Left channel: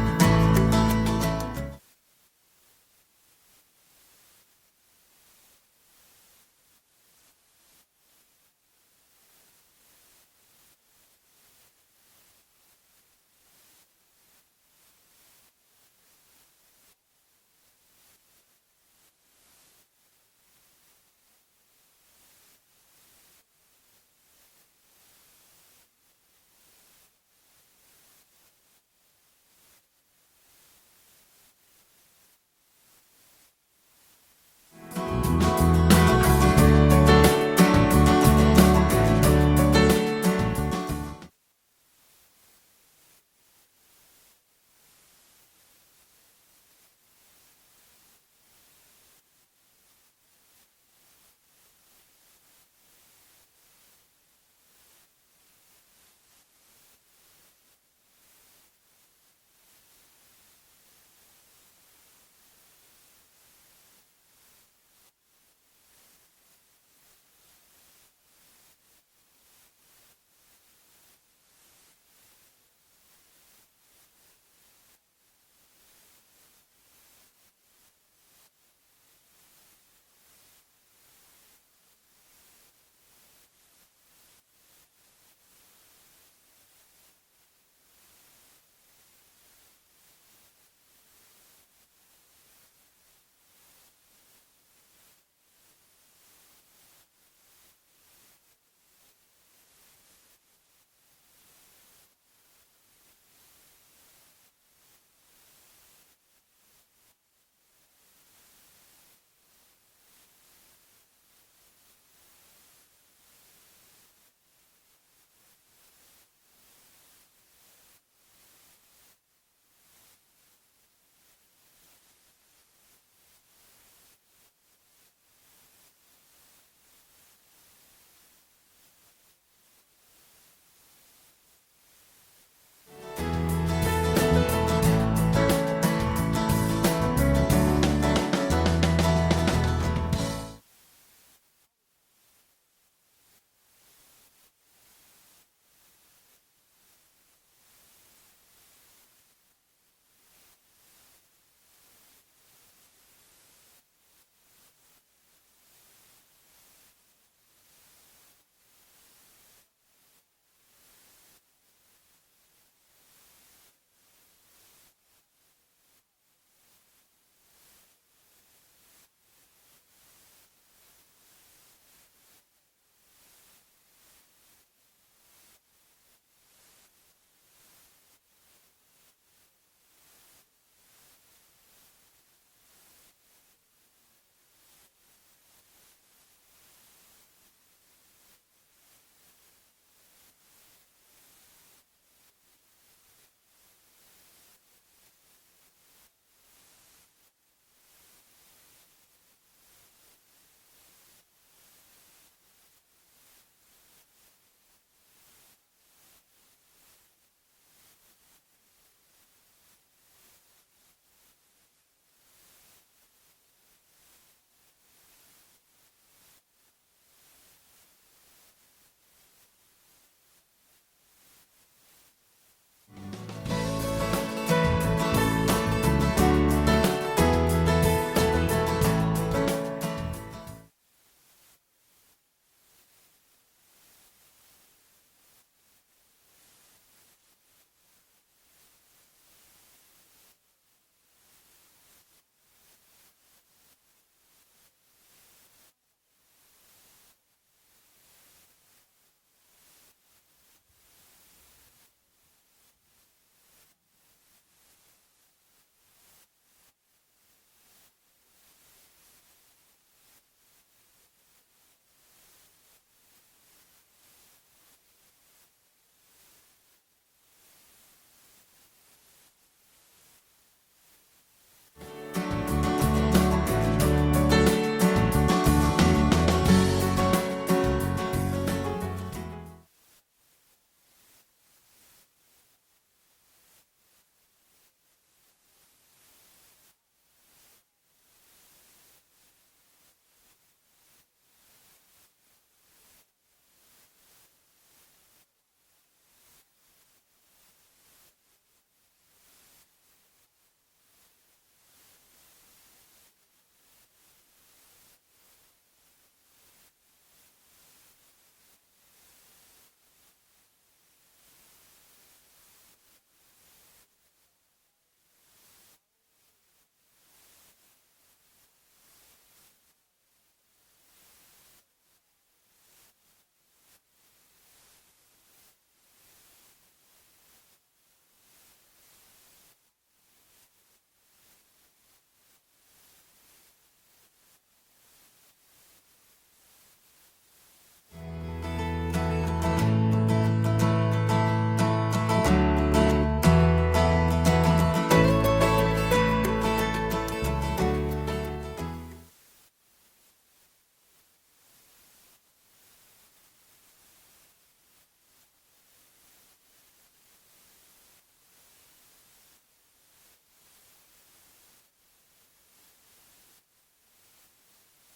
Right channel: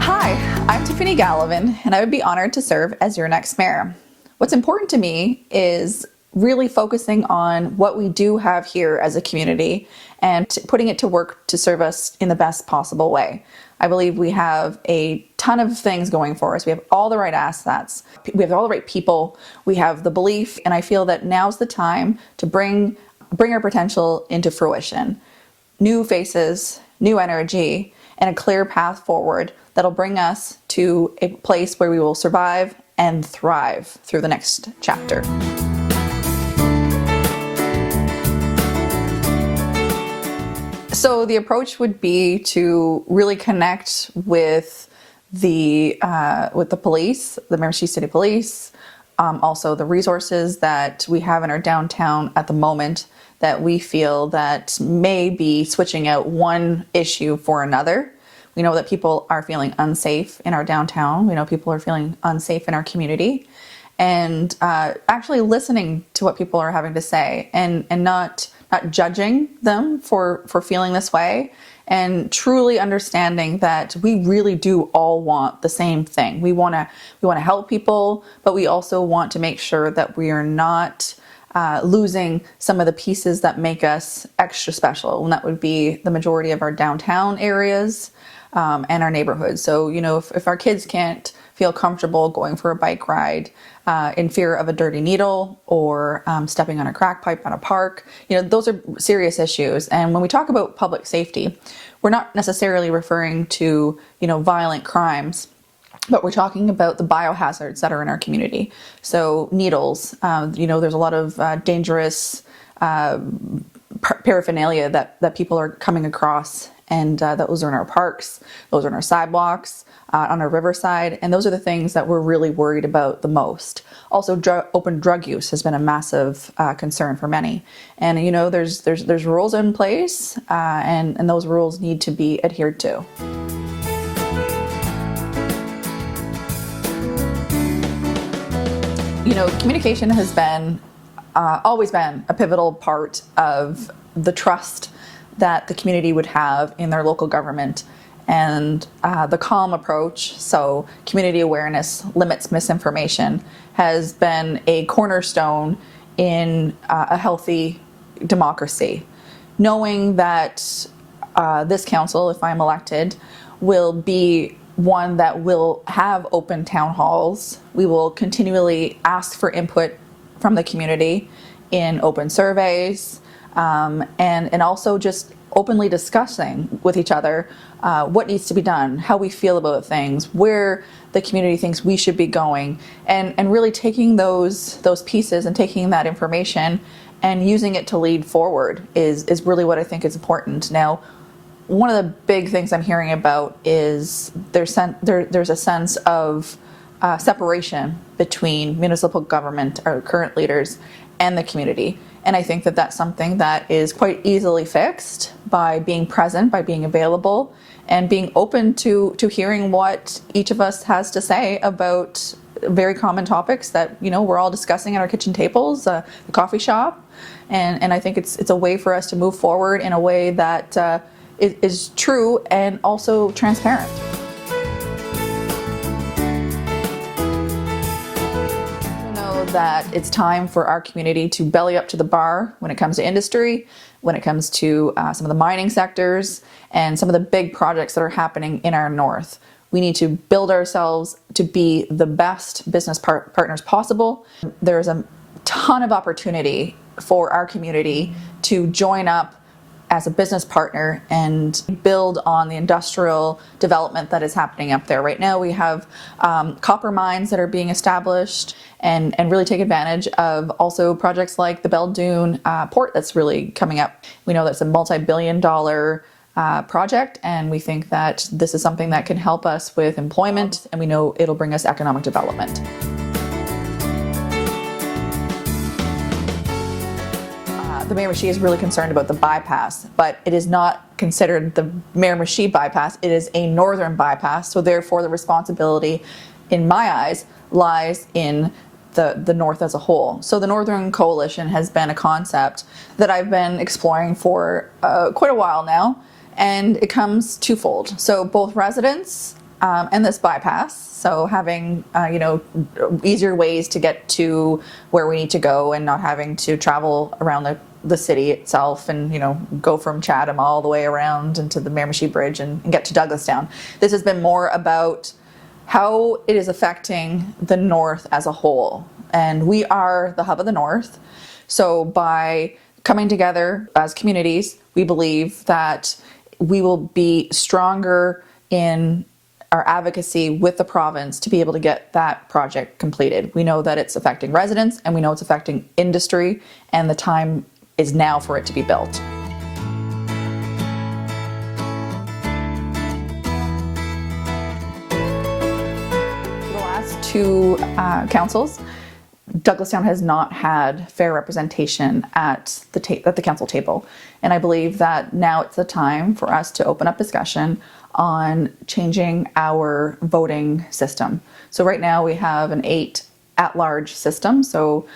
Hi, I'm Tiffany Gallivan, and I would be honored to serve as your next mayor. What's important to me is really focusing on what we do have here as a community and putting it to work to serve us in the best possible way. I believe we have a ton of things going for us. We have all the right assets. We have all the right people. We have the belief, and I feel that now's the time to bring our potential into fruition. New faces, new energy, and a clear path forward that'll bring us to a place where we will survive and thrive through the next chapter. So the approach would be to really connect with the police, the Miramichi City Police, also the resources that we have in our downtown at the moment that we feel that may be switching out one issue for another. We know that people are feeling unsafe in our downtown. We know people are feeling unsafe in our community. And actually listening to what people are having to say and not judging them for feeling this way, and truly understanding that we really do all want the same thing. We want to help people, but we also want to make sure that we are not losing some of the pieces that make us extra special, and that would be the majority of our downtown areas and our neighborhoods. So, if our kids can't feel comfortable going for a bike ride in fear of a dirty needle or stepping on a crack pipe at a park, those are serious issues. And when we talk about public safety, we're not necessarily referring to, violent crimes, but we're talking about the biohazards that are in our community. So needles, there's a lot of dangerous paraphernalia that people are coming across, and those are in our parks, those are in our sidewalks, on our riverside, and those are the things that we're really worried about the most. Also, open drug use has been a massive concern for many, and there's rules in place, and those rules need to be adhered to. Communication has been always been a pivotal part of the trust that the community would have in their local government, and the calm approach, so community awareness limits misinformation, has been a cornerstone in a healthy democracy. Knowing that this council, if I'm elected, will be one that will have open town halls. We will continually ask for input from the community in open surveys, and also just openly discussing with each other what needs to be done, how we feel about things, where the community thinks we should be going, and really taking those pieces and taking that information and using it to lead forward is really what I think is important. Now, one of the big things I'm hearing about is there's a sense of separation between municipal government, our current leaders, and the community. And I think that that's something that is quite easily fixed by being present, by being available, and being open to hearing what each of us has to say about very common topics that we're all discussing at our kitchen tables, the coffee shop. And I think it's a way for us to move forward in a way that is true and also transparent. That it's time for our community to belly up to the bar when it comes to industry, when it comes to some of the mining sectors, and some of the big projects that are happening in our north. We need to build ourselves to be the best business partners possible. There's a ton of opportunity for our community to join up as a business partner and build on the industrial development that is happening up there. Right now we have copper mines that are being established, and really take advantage of also projects like the Belledune port that's really coming up. We know that's a multi-billion-dollar project, and we think that this is something that can help us with employment, and we know it'll bring us economic development. The Miramichi is really concerned about the bypass, but it is not considered the Miramichi bypass. It is a northern bypass, so therefore the responsibility, in my eyes, lies in the north as a whole. So the Northern Coalition has been a concept that I've been exploring for quite a while now, And it comes twofold. So both residents and this bypass, so having easier ways to get to where we need to go and not having to travel around the city itself and go from Chatham all the way around into the Miramichi Bridge and get to Douglastown. This has been more about how it is affecting the north as a whole. And we are the hub of the north. So by coming together as communities, we believe that we will be stronger in our advocacy with the province to be able to get that project completed. We know that it's affecting residents and we know it's affecting industry, and the time is now for it to be built. The last two councils, Douglastown has not had fair representation at the council table. And I believe that now it's the time for us to open up discussion on changing our voting system. So right now we have an 8 at-large system. So,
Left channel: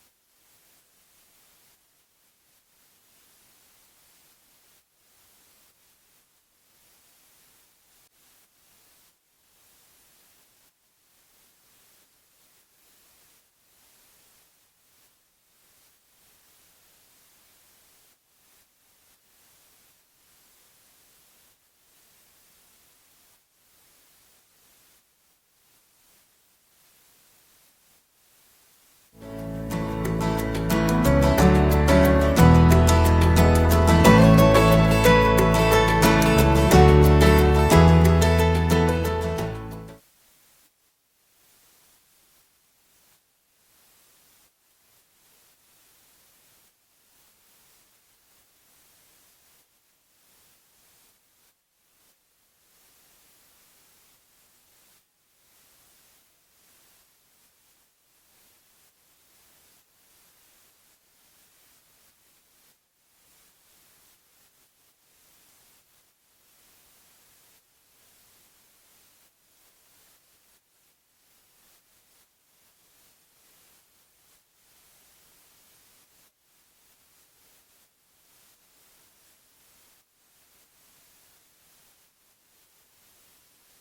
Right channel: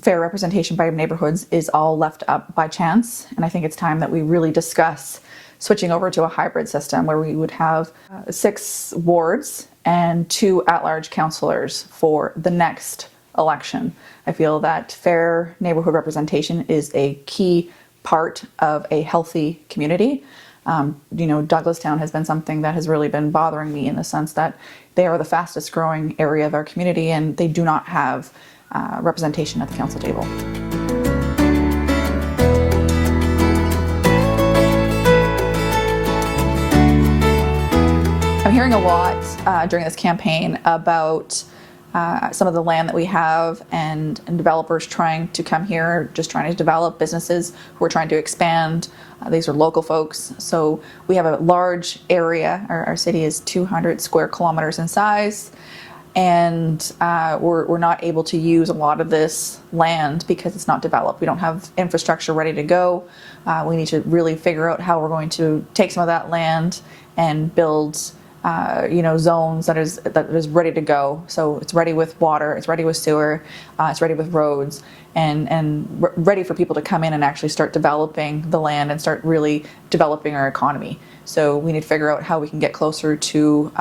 fair representation by neighborhoods is all left up by chance. And I think it's time that we really discuss switching over to a hybrid system where we would have 6 wards and 2 at-large councillors for the next election. I feel that fair neighborhood representation is a key part of a healthy community. Douglastown has been something that has really been bothering me in the sense that they are the fastest growing area of our community and they do not have representation at the council table. I'm hearing a lot during this campaign about some of the land that we have and developers trying to come here, just trying to develop businesses who are trying to expand. These are local folks. So we have a large area. Our city is 200 square kilometers in size. And we're not able to use a lot of this land because it's not developed. We don't have infrastructure ready to go. We need to really figure out how we're going to take some of that land and build zones that is ready to go. So it's ready with water, it's ready with sewer, it's ready with roads, and ready for people to come in and actually start developing the land and start really developing our economy. So we need to figure out how we can get closer to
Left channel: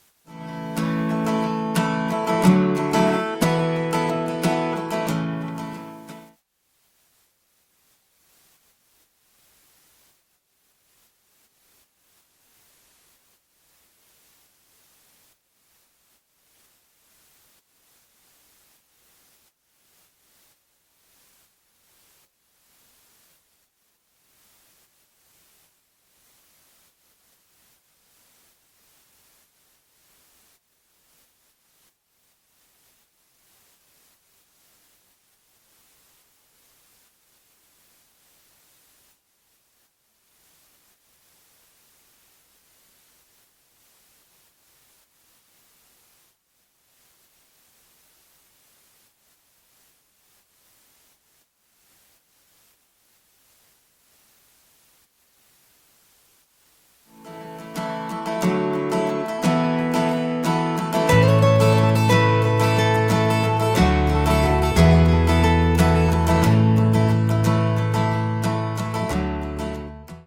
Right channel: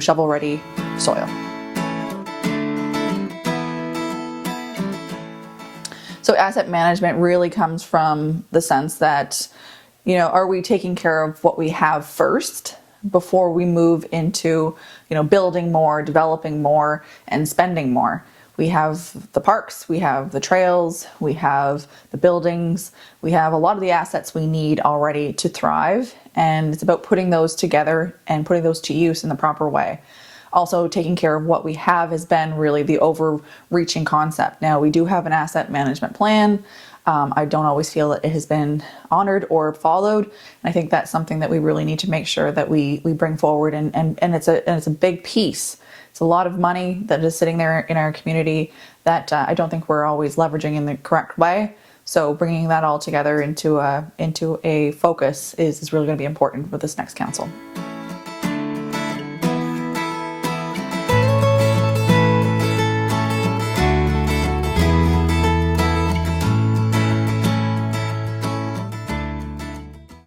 shovel-ready soil. So asset management really comes from the sense that, are we taking care of what we have first before we move into, building more, developing more, and spending more? We have the parks, we have the trails, we have the buildings, we have a lot of the assets we need already to thrive, and it's about putting those together and putting those to use in the proper way. Also, taking care of what we have has been really the overreaching concept. Now, we do have an asset management plan. I don't always feel that it has been honored or followed. And I think that's something that we really need to make sure that we bring forward, and it's a big piece. It's a lot of money that is sitting there in our community that I don't think we're always leveraging in the correct way. So bringing that all together into a focus is really going to be important for this next council.